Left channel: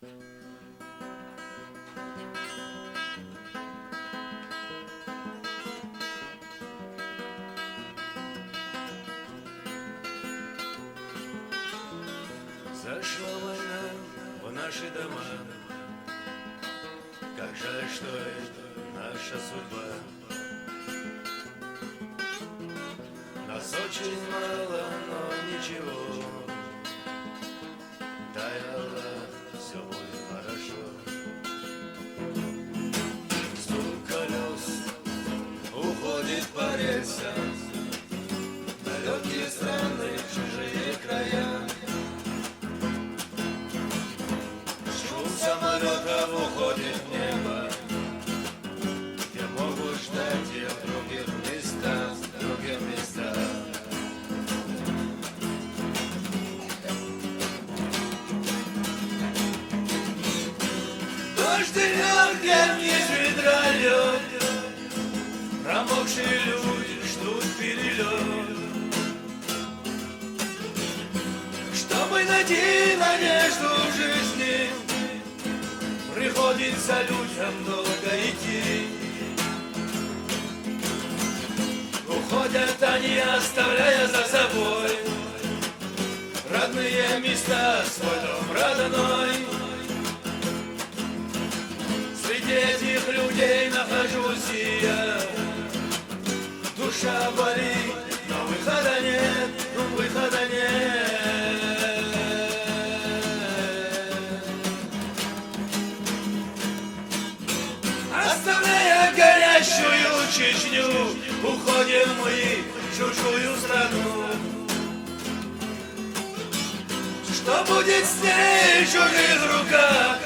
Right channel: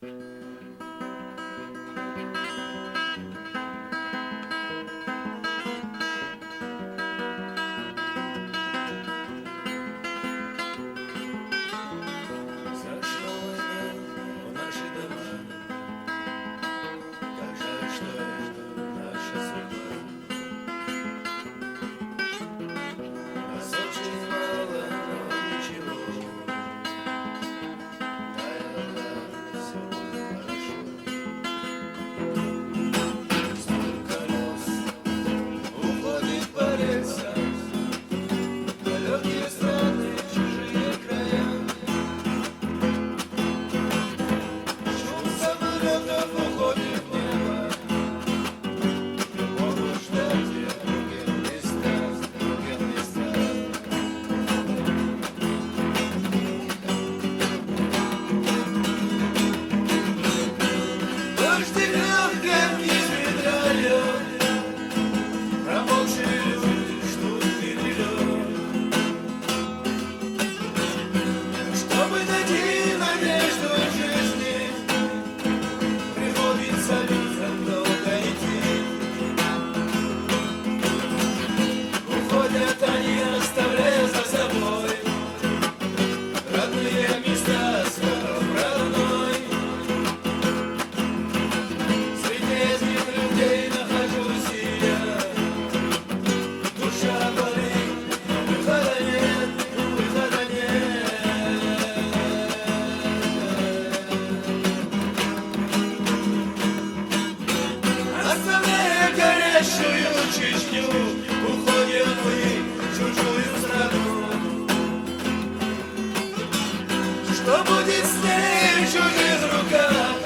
Зашла война в наши дома. Как жаль, что это наша судьба. Нас очень мало, но ничего. Дай Аллах, все будет хорошо. Стук колес уходит по рельсам. Далекие страны, чужие края. Шум самолетов уходит в небо. Я могу ждать их в других местах, в других местах. Дождь льет, как из ведра лед. Промокшие люди ждут перелет. Чтобы найти надежду в жизни, приходится людям долго идти. Уходят они, оставляя за собой родные места, свой дом родной. Среди этих людей нахожусь и я. Душа болит, но выхода нет, выхода нет. Оставляя горящую Чечню, уходим мы в чужую страну. Что будет с ней в чужих руках?